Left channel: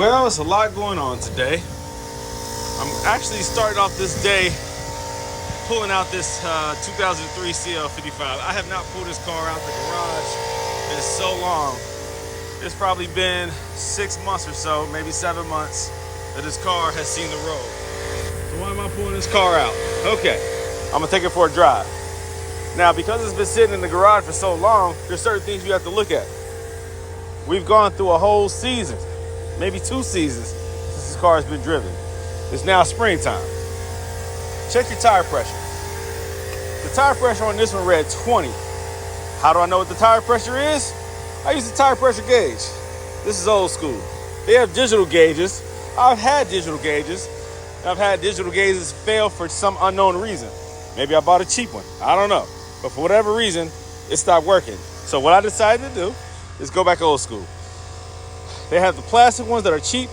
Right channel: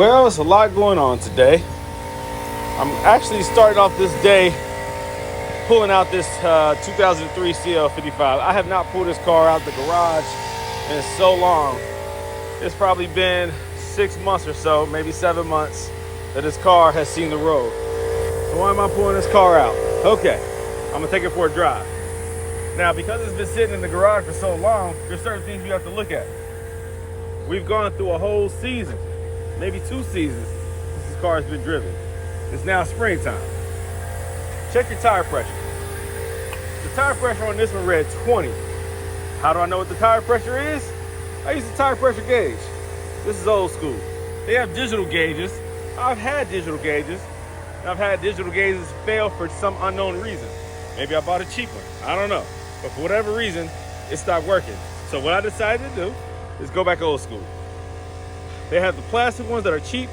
Well, it's a lot going on today. I'm actually starting off this day pulling out this 2003 CL55. I have not pulled this car out the garage in so long. It's probably been 6 months or so, maybe 7 months, that this car has seen the road. So why am I pulling this car out? Okay, I'm gonna take it for a drive. Now, because it's been sitting in the garage for so long, there's certain things you have to look at. We've gone through a whole season, maybe 2 seasons, since this car has been driven. It's now springtime. Check your tire pressure. The tire pressure on this one read 20. How do I know what the tire pressure is? I use the tire pressure gauge. This is old school. They have digital gauges. I've had digital gauges. I've had digital gauges fail for some unknown reason. Maybe I bought a cheap one. I don't know. But for whatever reason, it stopped working. So what I decided to do is go back old school. They have the plastic ones that are cheap,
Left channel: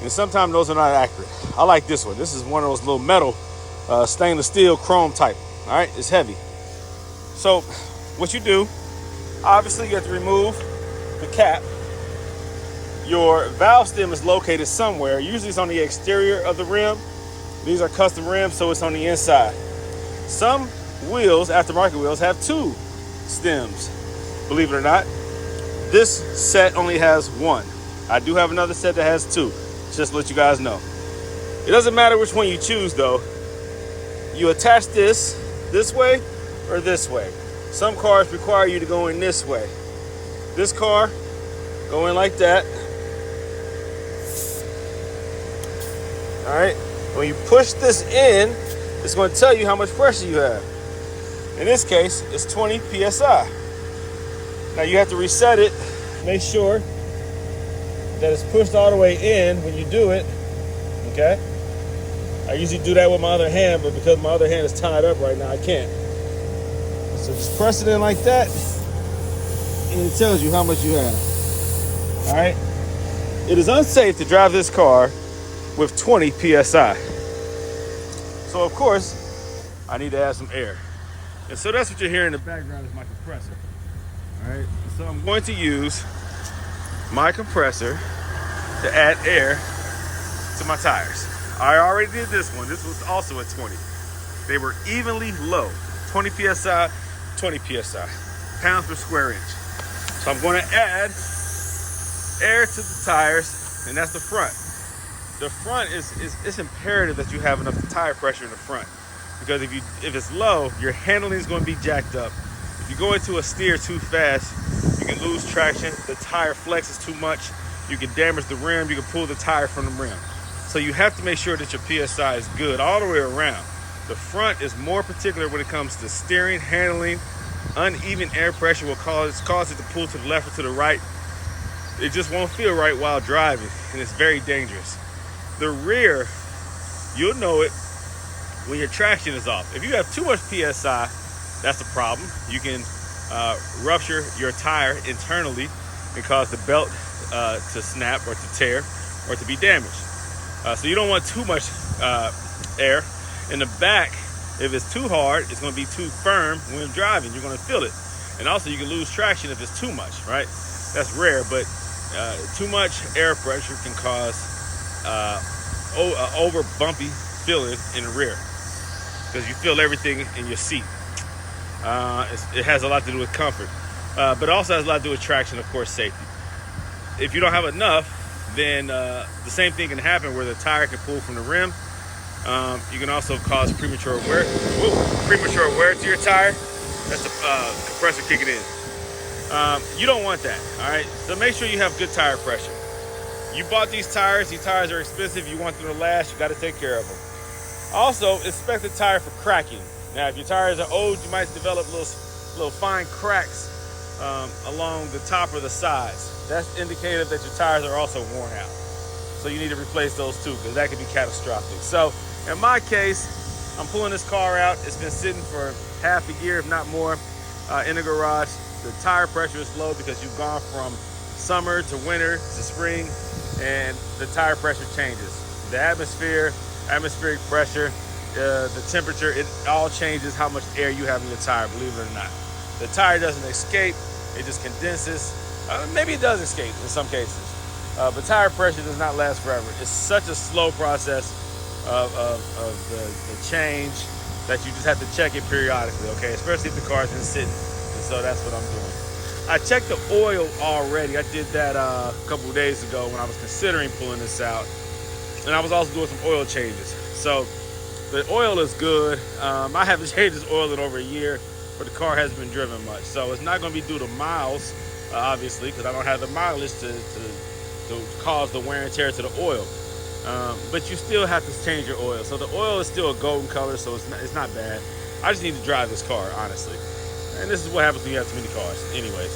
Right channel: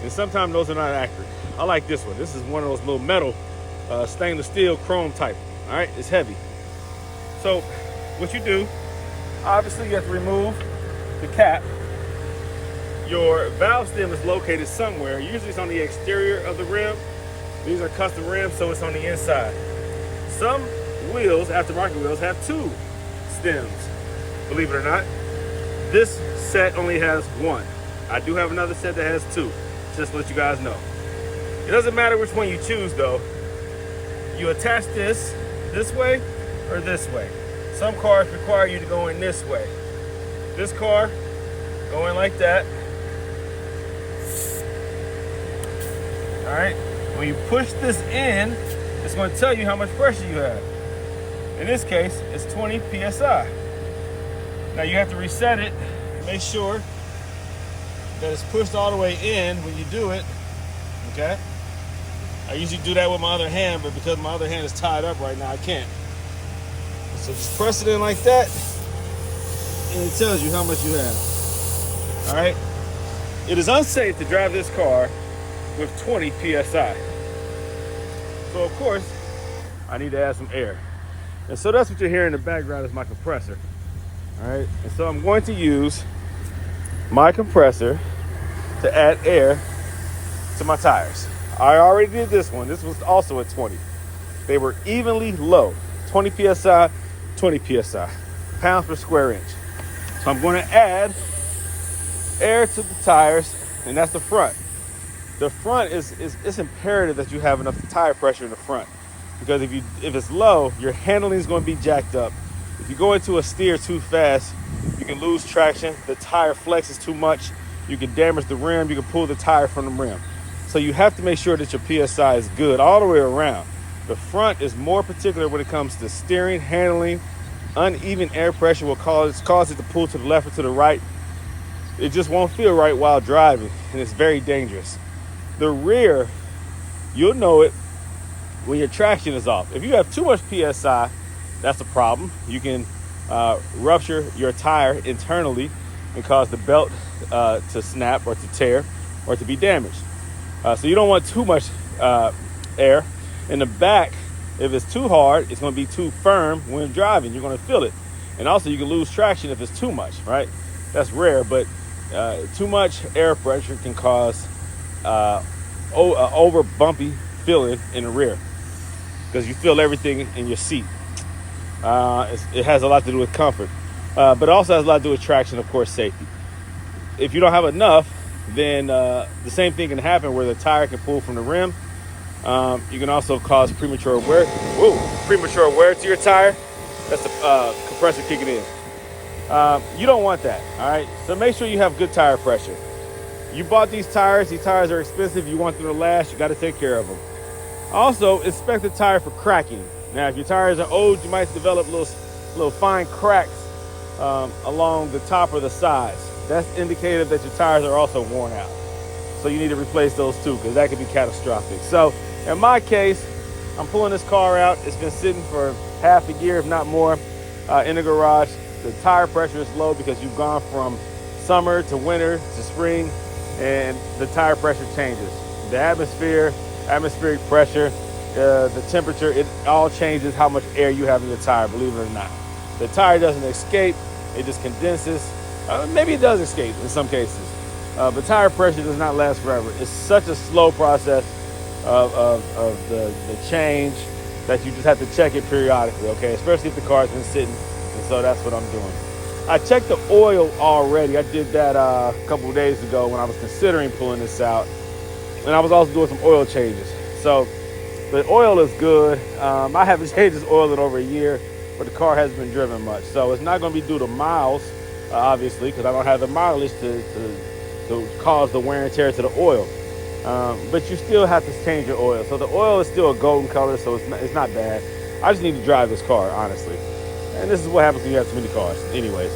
and sometimes those are not accurate. I like this one. This is one of those little metal, stainless steel chrome type. All right, it's heavy. So what you do, obviously you have to remove the cap. Your valve stem is located somewhere. Usually it's on the exterior of the rim. These are custom rims, so it's on the inside. Some wheels, aftermarket wheels, have 2 stems, believe it or not. This set only has 1. I do have another set that has 2, just to let you guys know. It doesn't matter which one you choose though. You attach this way or this way. Some cars require you to go in this way. This car, go in like that. All right, when you push this in, it's going to tell you how much pressure you have. In this case, it's 20 PSI. Now you have to reset it, make sure that it's pushed all the way in when you do it, okay? I usually do that with my other hand, but because my other hand is tied up right now, I can't. So just press it in like that, and it tells you how much you have, all right? It is unsafe to drive this car with 20 PSI. So of course, I need to add some air. And so that's what you're hearing in the background is my compressor. All right, and so I'm going to use my compressor to add air to my tires. I already did this one. This was also at 20. They were evenly low, 20 PSI, 20 PSI, pounds per square inch. So I'm going to add air to the tires, and that's the front. The front it's imperative that you have enough tire pressure in the front, because if it's low, your handling is going to be jacked up. If you go into a steer too fast, you can lose traction. The tire flexes too much. You can damage the rim. You can pull the tire from the rim. So you have to make sure that your PSI is good all the way around. The front is more particular when it comes to steering, handling. Uneven air pressure will cause it to pull to the left or to the right. It just won't feel right while driving, and it's very dangerous. The rear, you'll know it when your traction is off. If you have too much PSI, that's a problem. You can rupture your tire internally and cause the belt to snap or to tear or to be damaged. So you don't want too much air. In the back, if it's too hard, it's going to be too firm when driving. You're going to feel it. And also you can lose traction if it's too much, right? That's rare, but too much air pressure can cause over bumpy feeling in the rear, because you feel everything in your seat. It has a lot to do with comfort, but it also has a lot to do with traction, of course, safety. If you don't have enough, then the same thing can happen where the tire can pull from the rim. You can also cause premature wear to your tire. That's the compressor kicking in. You don't want that, all right? So make sure you have good tire pressure. You bought these tires are expensive. You want them to last, you got to take care of them. Also, inspect the tire for cracking. Now, if your tires are old, you might develop little fine cracks along the top or the sides. That's indicative that your tires are also worn out. So you need to replace those too, because that could be catastrophic. So in my case, I'm pulling this car out. It's been sitting for half a year, if not more, in the garage. The tire pressure is low because you've gone from summer to winter to spring, and the tire pressure changes. The atmospheric pressure, the temperature, it all changes how much air you have in your tire, believe it or not. The tire doesn't escape, it just condenses. Maybe it does escape in some cases. But tire pressure does not last forever. It's such a slow process of the change that you just have to check it periodically, okay? Especially if the car's been sitting, and so that's what I'm doing. I checked the oil already. I did that a couple of days ago when I was considering pulling this out. And I was also doing some oil changes. So the oil is good. I haven't changed this oil in over a year, but the car hasn't been driven much. So it's not gonna be due to miles, obviously, because I don't have the mileage to cause the wear and tear to the oil. But you still have to change your oil. So the oil is still a golden color, so it's not bad. I just need to drive this car, honestly. And this is what happens when you have too many cars. Anyways,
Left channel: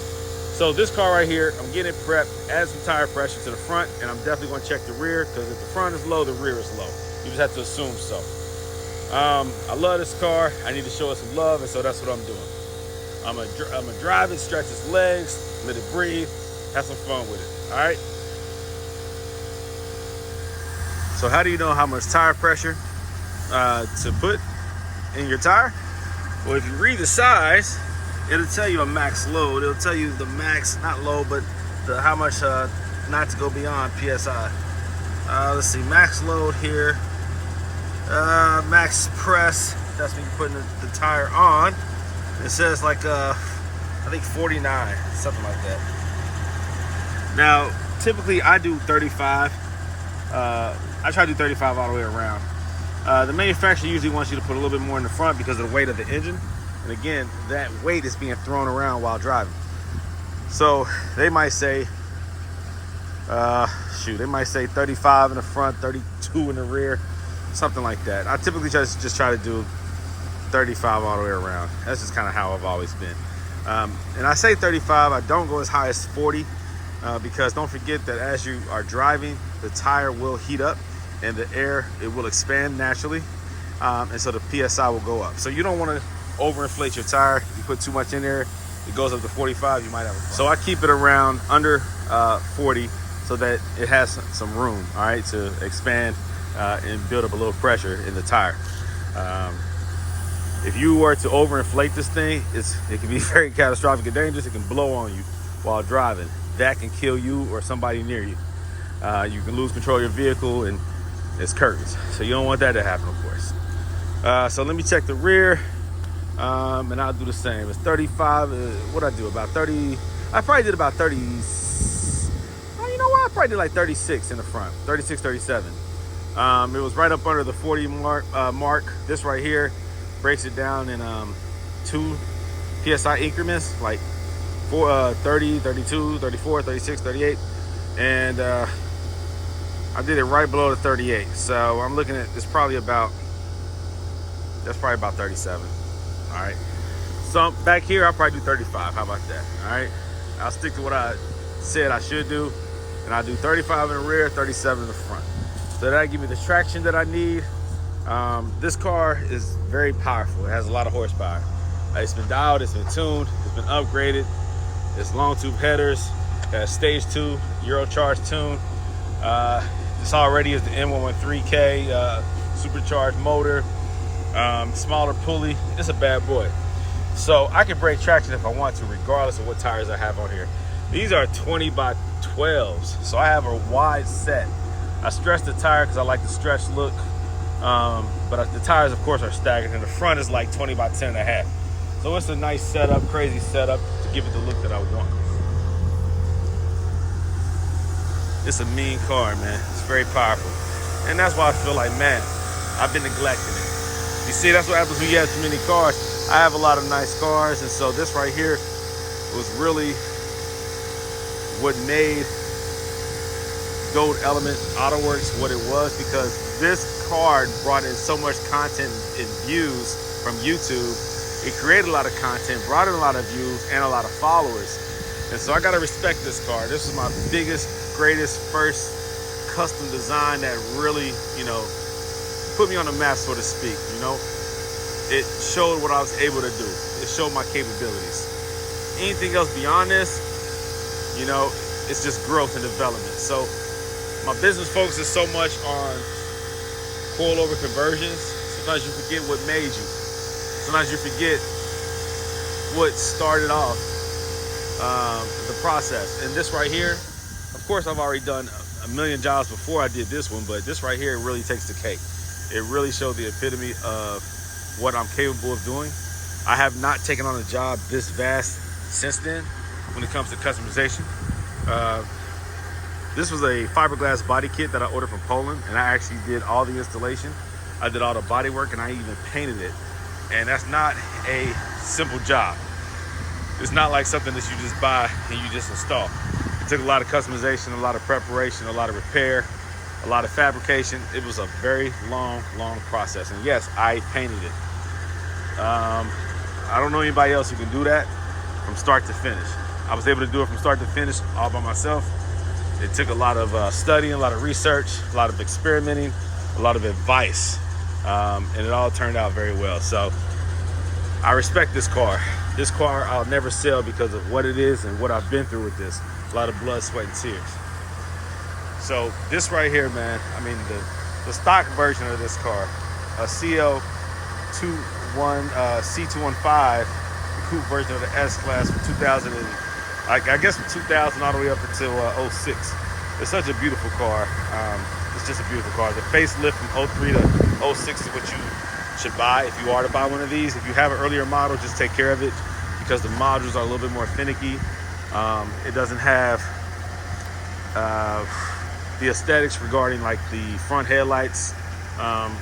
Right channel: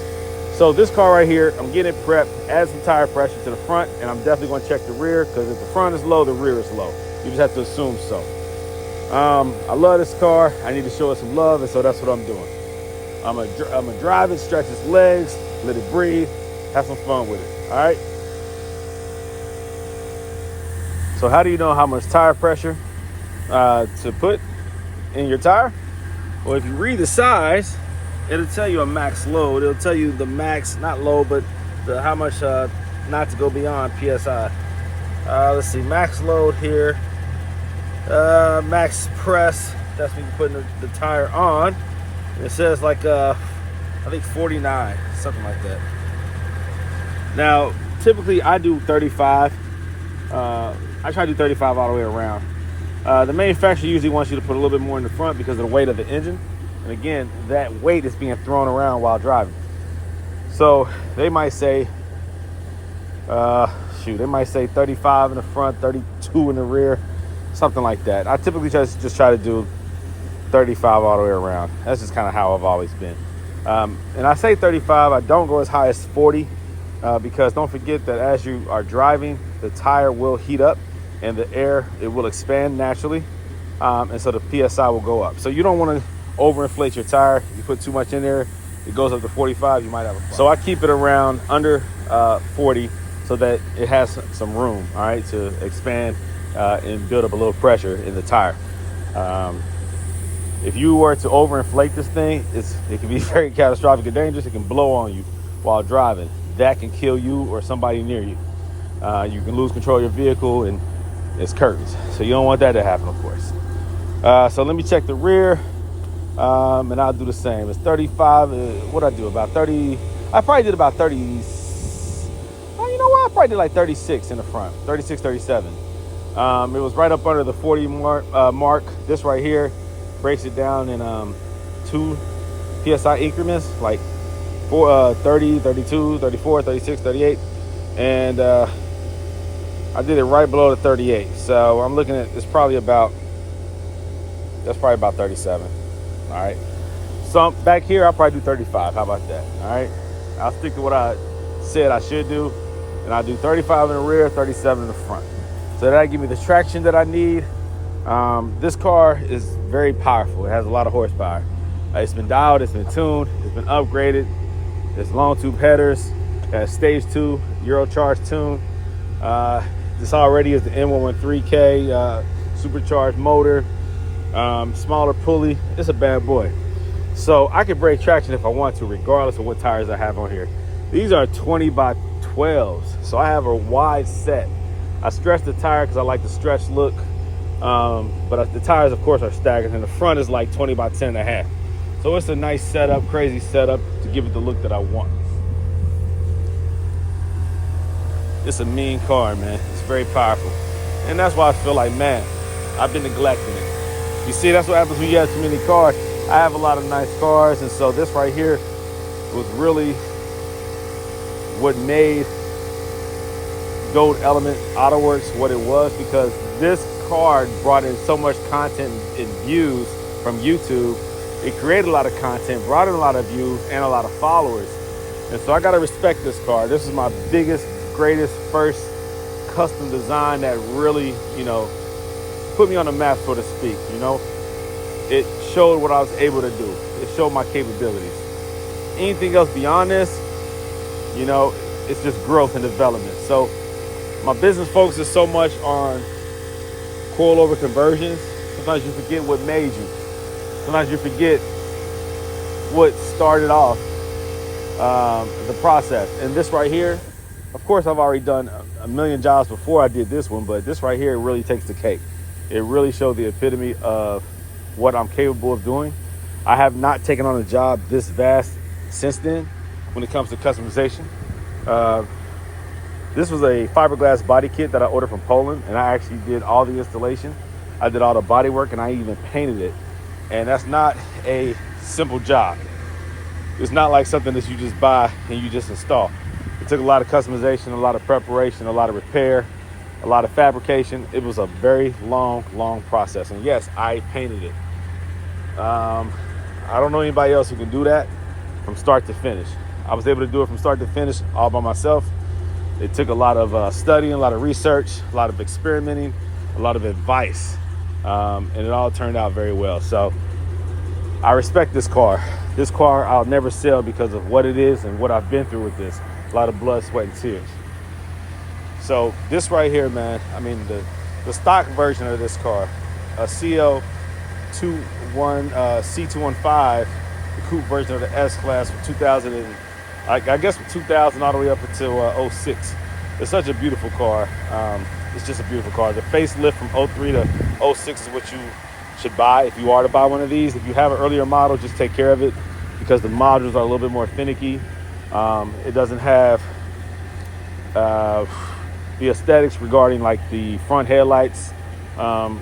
so this car right here, I'm getting it prepped, add some tire pressure to the front, and I'm definitely gonna check the rear, because if the front is low, the rear is low. You just have to assume so. I love this car. I need to show it some love, and so that's what I'm doing. I'm gonna drive it, stretch its legs, let it breathe, have some fun with it, all right? So how do you know how much tire pressure to put in your tire? Well, if you read the size, it'll tell you a max load. It'll tell you the max, not load, but how much not to go beyond PSI. Let's see, max load here. Max press, that's when you're putting the tire on. It says like, I think 49, something like that. Now, typically I do 35. I try to do 35 all the way around. The manufacturer usually wants you to put a little bit more in the front because of the weight of the engine. And again, that weight is being thrown around while driving. So they might say, they might say 35 in the front, 32 in the rear, something like that. I typically just try to do 35 all the way around. That's just kind of how I've always been. And I say 35, I don't go as high as 40 because don't forget that as you are driving, the tire will heat up and the air, it will expand naturally. And so the PSI will go up. So you don't want to overinflate your tire. You put too much in there, it goes up to 45, you might have a problem. So I keep it around under 40 so that it has some room, all right, to expand and build up a little pressure in the tire. If you were to overinflate this thing, it can be very catastrophic and dangerous. It can blow on you while driving. That can kill you or somebody near you. You can lose control of your vehicle, and it's curtains. So you don't want that to happen, of course. So let me check the rear, and I'll do the same. It's 35. What I do? About 30. I probably did about 30. Oh, you know what? I probably did like 36 in the front. 36, 37. It was right up under the 40 mark. This right here breaks it down in 2 PSI increments, like 30, 32, 34, 36, 38. And I did it right below the 38. So I'm looking at, that's probably about 37. All right. So back here, I'll probably do 35. How about that? All right. I'll stick to what I said I should do. And I'll do 35 in the rear, 37 in the front. So that'll give me the traction that I need. This car is very powerful. It has a lot of horsepower. It's been dialed, it's been tuned, it's been upgraded. It's long tube headers, stage 2 Eurocharge tune. This already is the N113K supercharged motor, smaller pulley. It's a bad boy. So I can break traction if I want to, regardless of what tires I have on here. These are 20 by 12s, so I have a wide set. I stretch the tire because I like the stretch look, but the tires, of course, are staggered, and the front is like 20 by 10 and a half. So it's a nice setup, crazy setup to give it the look that I want. It's a mean car, man. It's very powerful. And that's why I feel like, man, I've been neglecting it. You see, that's what happens when you have too many cars. I have a lot of nice cars, and so this right here was really what made Goldelementautoworks what it was, because this card brought in so much content and views from YouTube. It created a lot of content, brought in a lot of views and a lot of followers. And so I gotta respect this car. This is my biggest, greatest, first custom design that really, put me on the map, so to speak, It showed what I was able to do. It showed my capabilities. Anything else beyond this, it's just growth and development. So my business focuses so much on coilover conversions. Sometimes you forget what made you. Sometimes you forget what started off the process. And this right here Of course, I've already done a million jobs before I did this one, but this right here really takes the cake. It really showed the epitome of what I'm capable of doing. I have not taken on a job this vast since then when it comes to customization. This was a fiberglass body kit that I ordered from Poland, and I actually did all the installation. I did all the body work, and I even painted it. And that's not a simple job. It's not like something that you just buy and you just install. It took a lot of customization, a lot of preparation, a lot of repair, a lot of fabrication. It was a very long process. And yes, I painted it. I don't know anybody else who can do that from start to finish. I was able to do it from start to finish all by myself. It took a lot of studying, a lot of research, a lot of experimenting, a lot of advice, and it all turned out very well. So I respect this car. This car I'll never sell because of what it is and what I've been through with this. A lot of blood, sweat, and tears. So this right here, man, I mean, the stock version of this car, a C215, the coupe version of the S-Class from 2000, I guess from 2000 all the way up until 06. It's such a beautiful car. It's just a beautiful car. The facelift from 03 to 06 is what you should buy if you are to buy one of these. If you have an earlier model, just take care of it because the modules are a little bit more finicky. It doesn't have the aesthetics regarding like the front headlights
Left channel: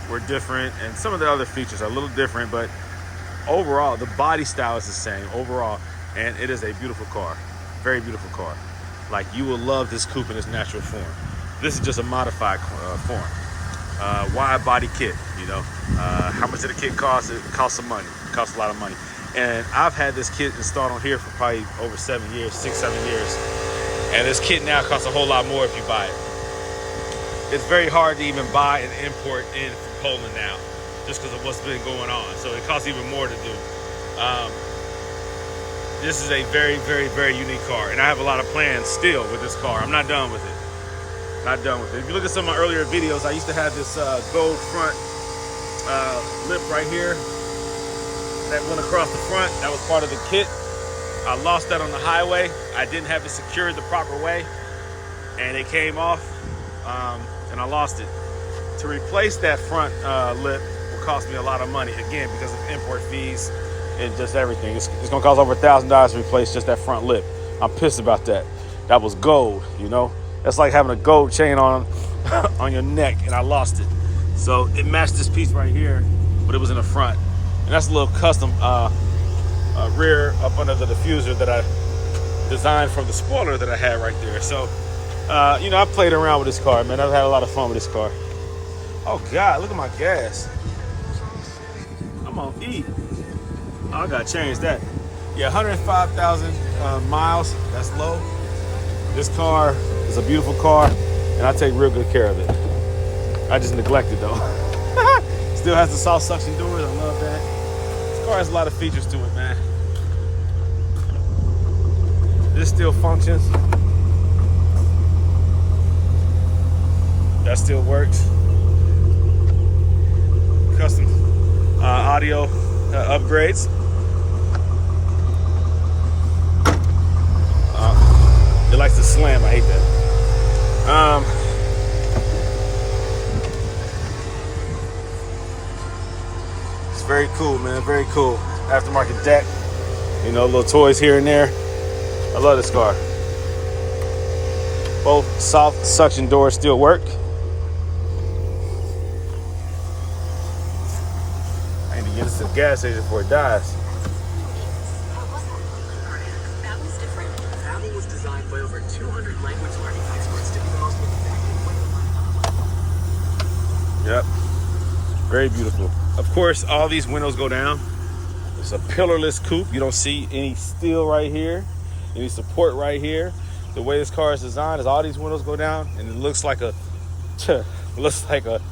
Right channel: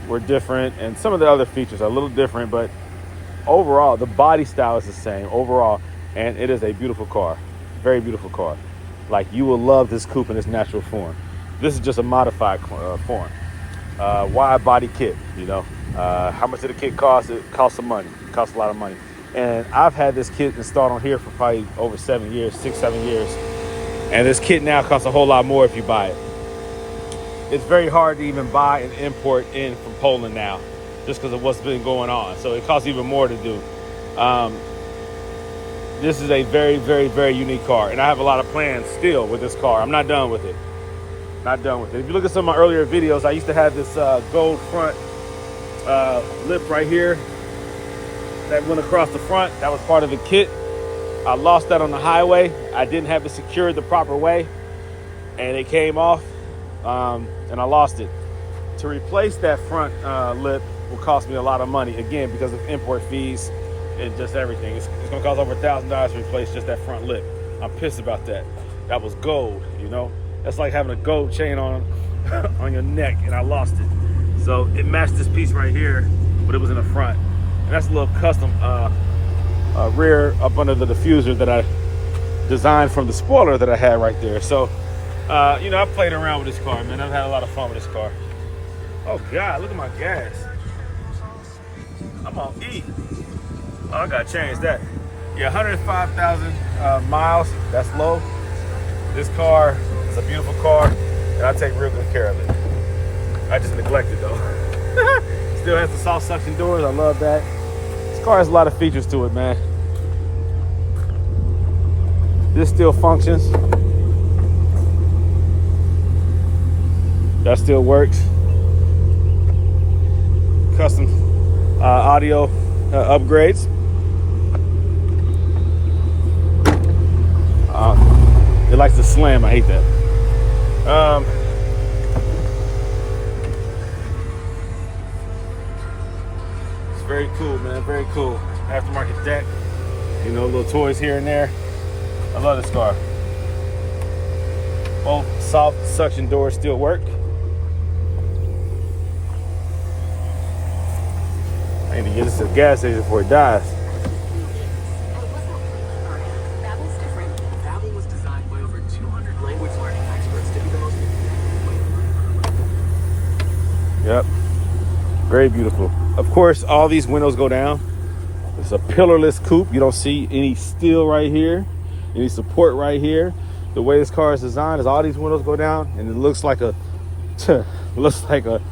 were different, and some of the other features are a little different, but overall the body style is the same overall, and it is a beautiful car. Very beautiful car. Like, you will love this coupe in its natural form. This is just a modified form. Wide body kit, you know. How much did the kit cost? It costs some money. It costs a lot of money. And I've had this kit installed on here for probably over 7 years, 6-7 years. And this kit now costs a whole lot more if you buy it. It's very hard to even buy and import in from Poland now, just because of what's been going on. So it costs even more to do. This is a very unique car, and I have a lot of plans still with this car. I'm not done with it. Not done with it. If you look at some of my earlier videos, I used to have this gold front lip right here that went across the front. That was part of the kit. I lost that on the highway. I didn't have it secured the proper way, and it came off, and I lost it. To replace that front lip will cost me a lot of money, again, because of import fees and just everything. It's gonna cost over $1,000 to replace just that front lip. I'm pissed about that. That was gold, you know? That's like having a gold chain on on your neck, and I lost it. So it matched this piece right here, but it was in the front. And that's a little custom rear up under the diffuser that I designed from the spoiler that I had right there. So, you know, I played around with this car, man. I've had a lot of fun with this car. Oh God, look at my gas. I'm on E. Oh, I gotta change that. Yeah, 105,000 miles, that's low. This car is a beautiful car, and I take real good care of it. I just neglect it though. Still has the soft suction doors, I love that. This car has a lot of features to it, man. This still functions. That still works. Custom audio upgrades. It likes to slam, I hate that. It's very cool, man, very cool. Aftermarket deck, you know, little toys here and there. I love this car. Both soft suction doors still work. And to get this to the gas station before it dies. Yep, very beautiful. Of course, all these windows go down. It's a pillarless coupe. You don't see any steel right here, any support right here. The way this car is designed is all these windows go down, and it looks like a, it looks like a,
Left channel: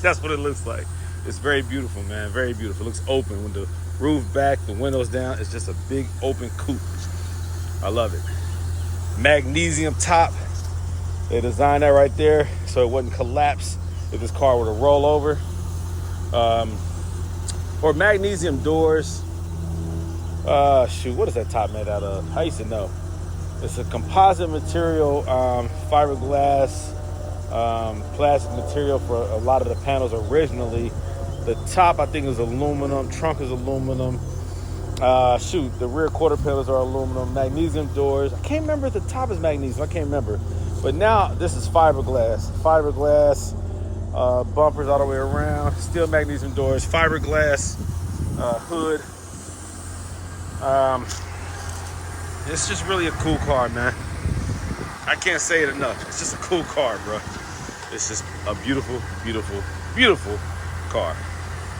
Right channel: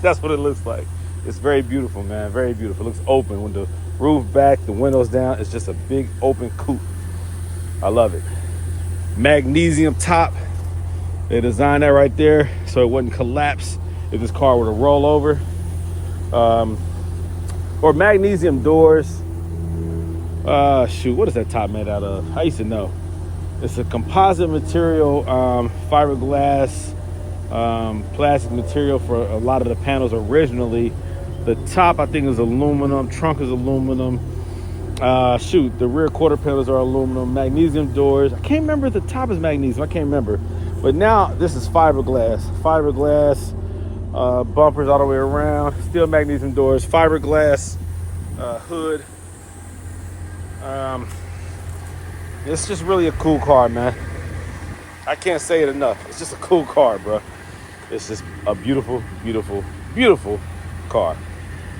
that's what it looks like. It's very beautiful, man, very beautiful. It looks open with the roof back, the windows down. It's just a big open coupe. I love it. Magnesium top. They designed that right there so it wouldn't collapse if this car were to roll over. Or magnesium doors. Shoot, what is that top made out of? I used to know. It's a composite material, fiberglass, plastic material for a lot of the panels originally. The top, I think, is aluminum. Trunk is aluminum. Shoot, the rear quarter panels are aluminum. Magnesium doors. I can't remember if the top is magnesium. I can't remember. But now this is fiberglass. Fiberglass bumpers all the way around. Still magnesium doors. Fiberglass hood. It's just really a cool car, man. I can't say it enough. It's just a cool car, bro. It's just a beautiful, beautiful, beautiful car.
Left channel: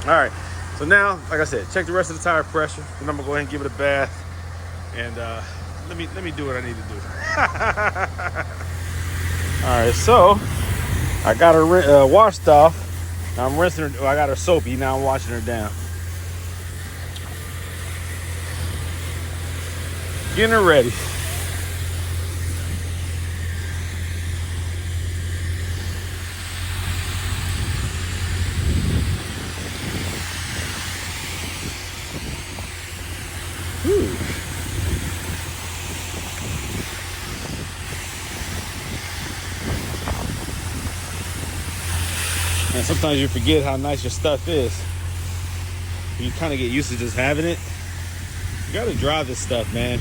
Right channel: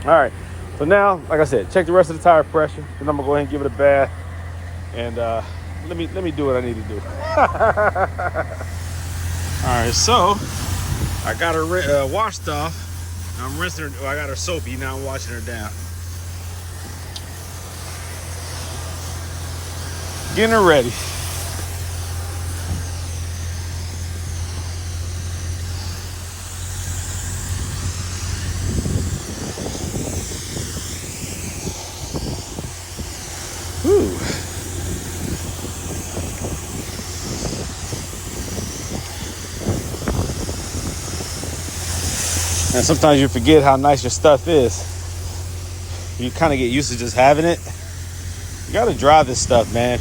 All right. So now, like I said, check the rest of the tire pressure. Then I'm gonna go ahead and give it a bath. And let me do what I need to do. All right. So I got her washed off. Now I'm rinsing her. I got her soapy. Now I'm washing her down. Getting her ready. Whew. And sometimes you forget how nice your stuff is. You kind of get used to just having it. You gotta drive this stuff, man.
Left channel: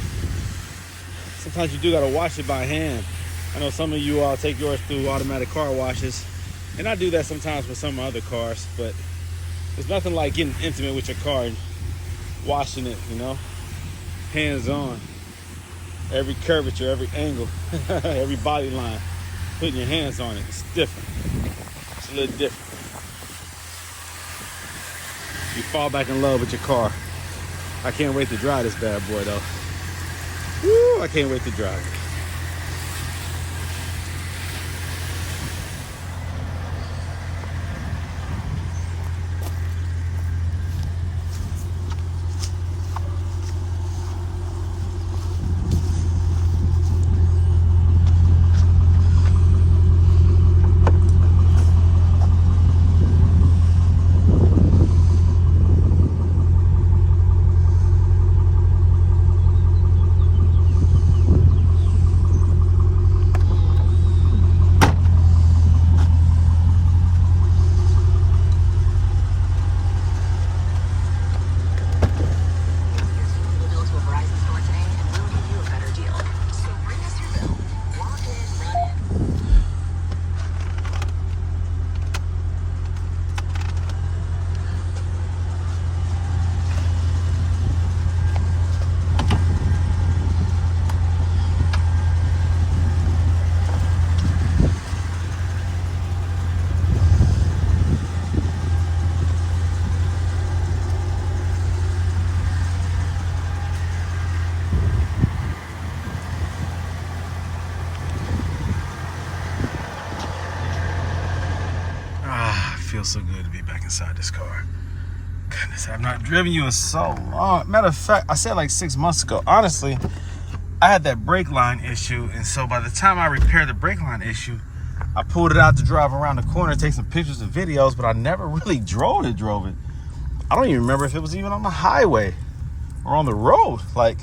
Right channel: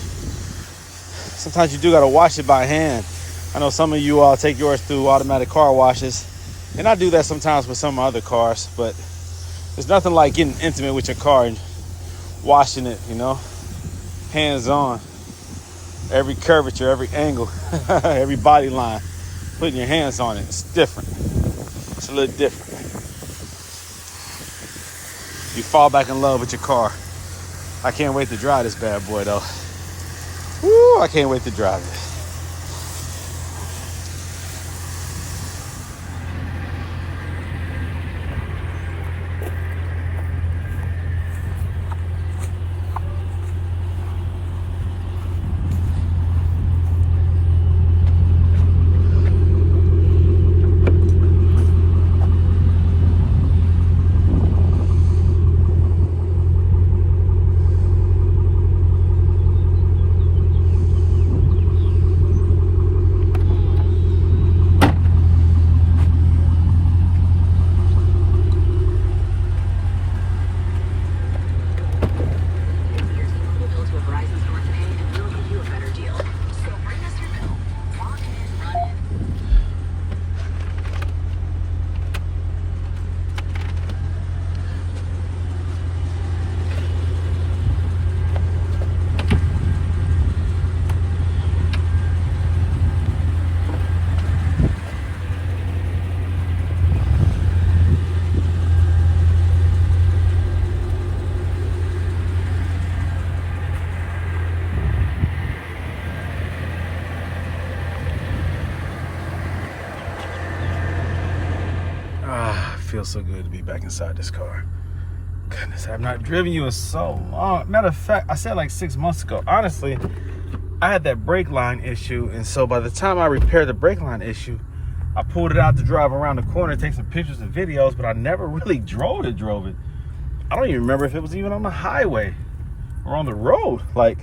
Sometimes you do gotta wash it by hand. I know some of you all take yours through automatic car washes, and I do that sometimes with some of my other cars, but there's nothing like getting intimate with your car and washing it, you know, hands on. Every curvature, every angle, every body line, putting your hands on it, it's different. It's a little different. You fall back in love with your car. I can't wait to drive this bad boy, though. Woo, I can't wait to drive it. Feels so good to be back inside this car. Goodness, I've not driven you in so long. Matter of fact, I said like 6 months ago. Honestly, I had that brake line issue, and so by the time I repaired the brake line issue, I pulled it out to drive around the corner, take some pictures and videos, but I never really drove it. I don't even remember if it was even on the highway or on the road, like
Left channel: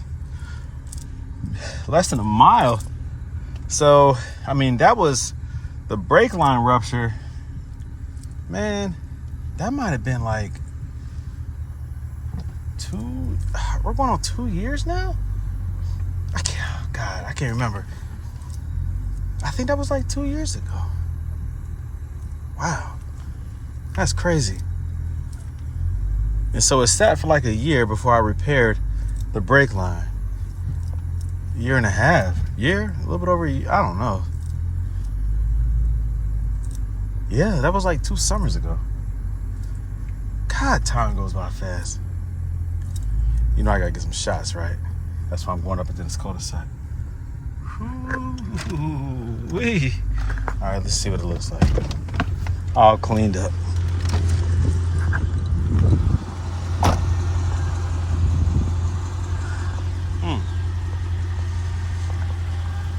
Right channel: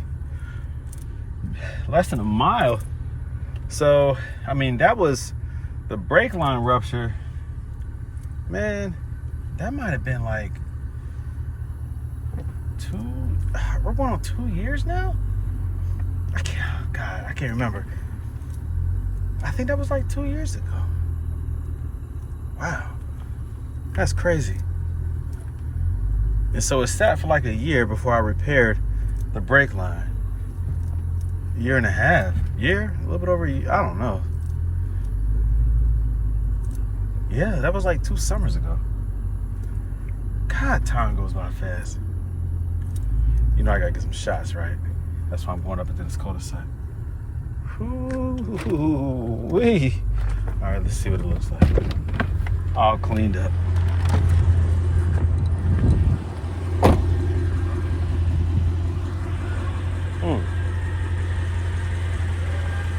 less than a mile. So, I mean, that was the brake line rupture. Man, that might have been like we're going on 2 years now? I can't remember. I think that was like 2 years ago. Wow, that's crazy. And so it sat for like a year before I repaired the brake line. A year and a half, a little bit over a year, I don't know. Yeah, that was like 2 summers ago. God, time goes by fast. You know I gotta get some shots, right? That's why I'm going up into this cul-de-sac. Ooh-wee. All right, let's see what it looks like. All cleaned up.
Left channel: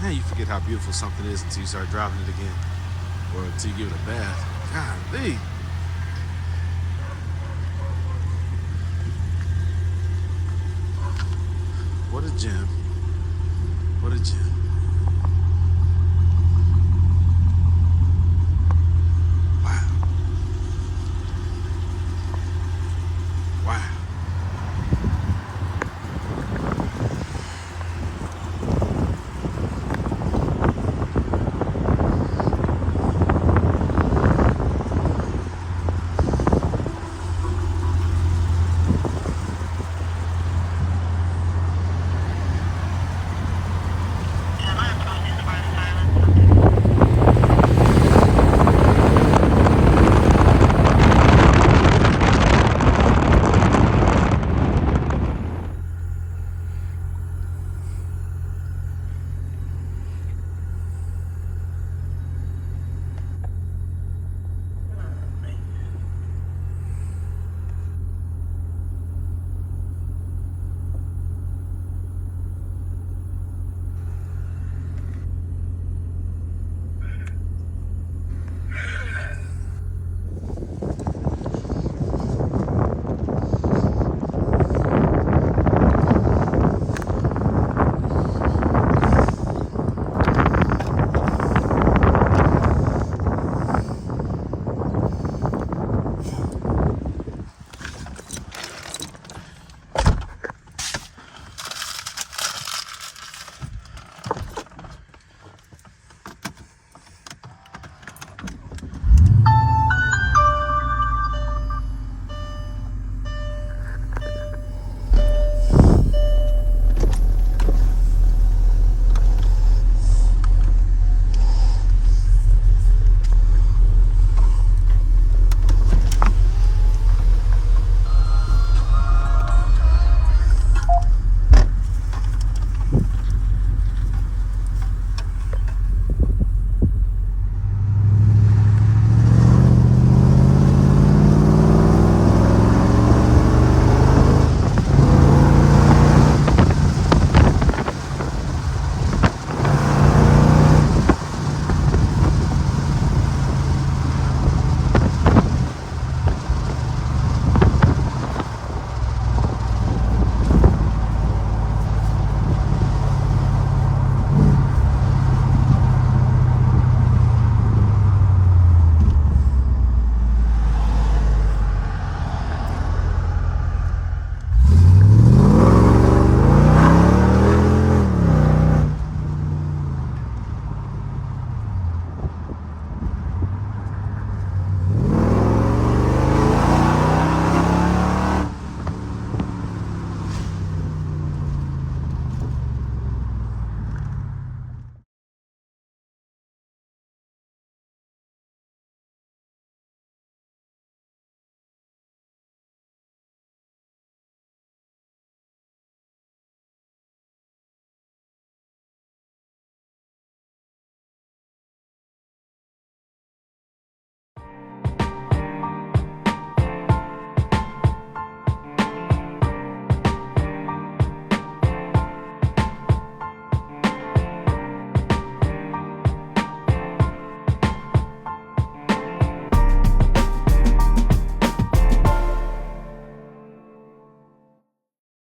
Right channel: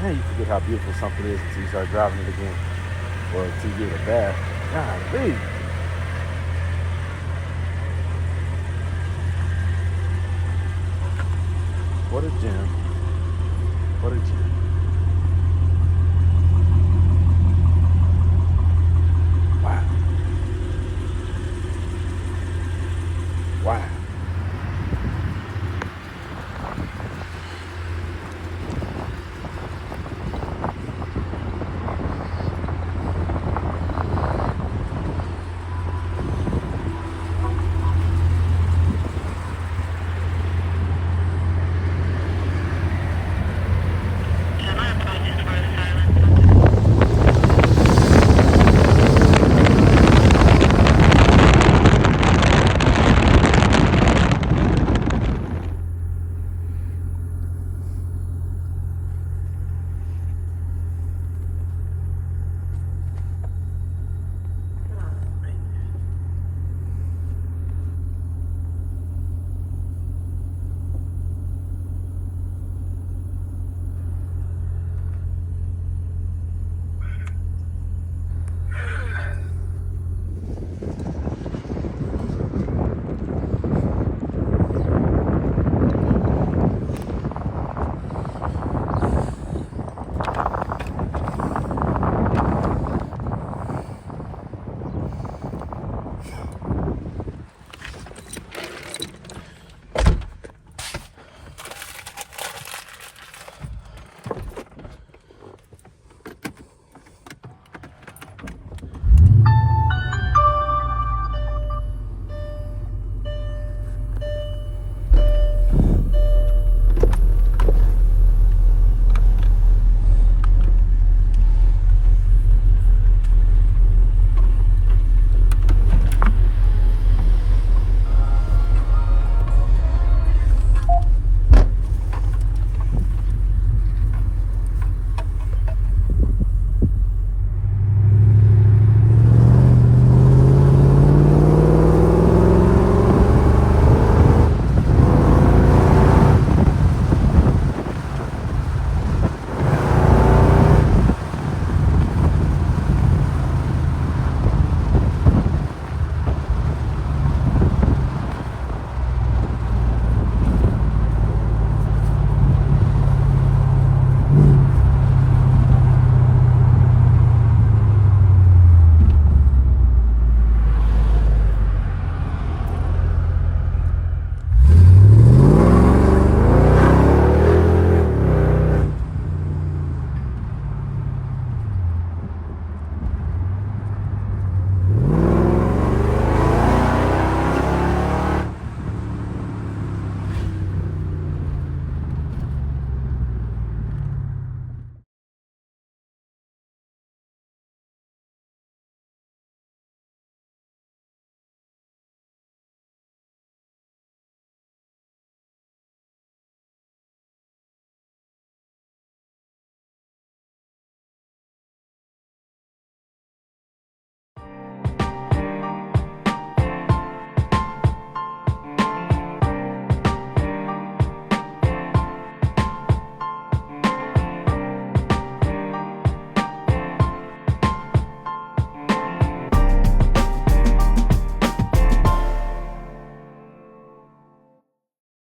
Man, you forget how beautiful something is until you start driving it again. Or until you give it a bath. Golly. What a gem. What a gem.